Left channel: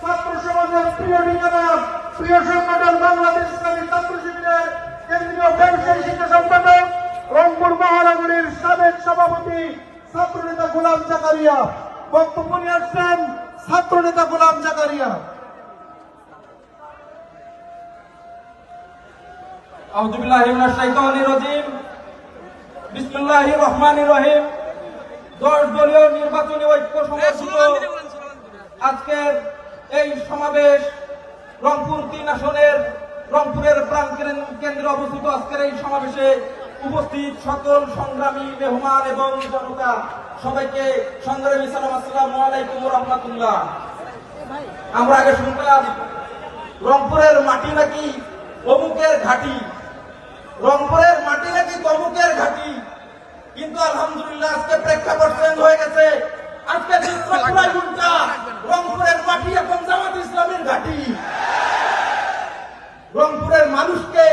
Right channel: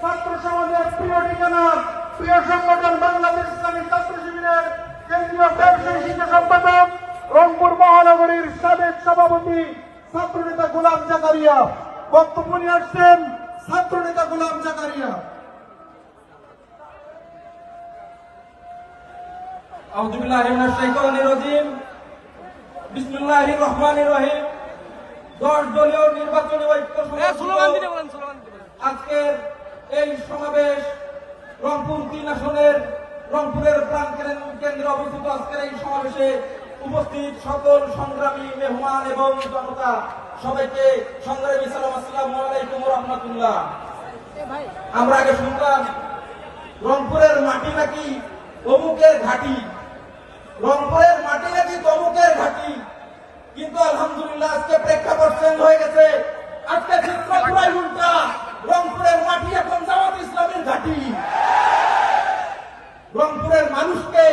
ছাত্র সমাজের প্রিয় সংগঠন বাংলাদেশ ইসলামী ছাত্র শিবিরের কেন্দ্রীয় ব্যবসায়ী শিক্ষা সম্পাদক রংপুর মহানগরীর সাবেক সভাপতি ছাত্রনেতা গোলাম জাকারিয়া বক্তব্য নিয়ে আসছেন। ছাত্রনেতা গোলাম জাকারিয়া। আউযু বিল্লাহি মিনাশ শাইতানির রাজিম। বিসমিল্লাহির রহমানির রহিম। 10 দলীয় নির্বাচনী ঐক্য সমর্থিত আজকের এই সমাবেশ রংপুর 3 আসনের রংপুরের প্রাণ কেন্দ্রে অবস্থিত আজকের এই সমাবেশে উপস্থিত সকল সংগ্রামী মেহমান এবং জনতা সবাইকে সংগ্রামী সালাম, আসসালামু আলাইকুম ওয়া রাহমাতুল্লাহ। আমরা আগে শুনতাম রংপুরের মাটি নাকি অমুকের ঘাঁটি, রংপুরের মাটি নাকি তমুকের ঘাঁটি, কিন্তু আলহামদুলিল্লাহ আজকে প্রেক্ষাপট চেঞ্জ হয়ে গেছে। আজকে রংপুরের মাটি এখন জামাত ইসলামের ঘাঁটি। রংপুরের মানুষকে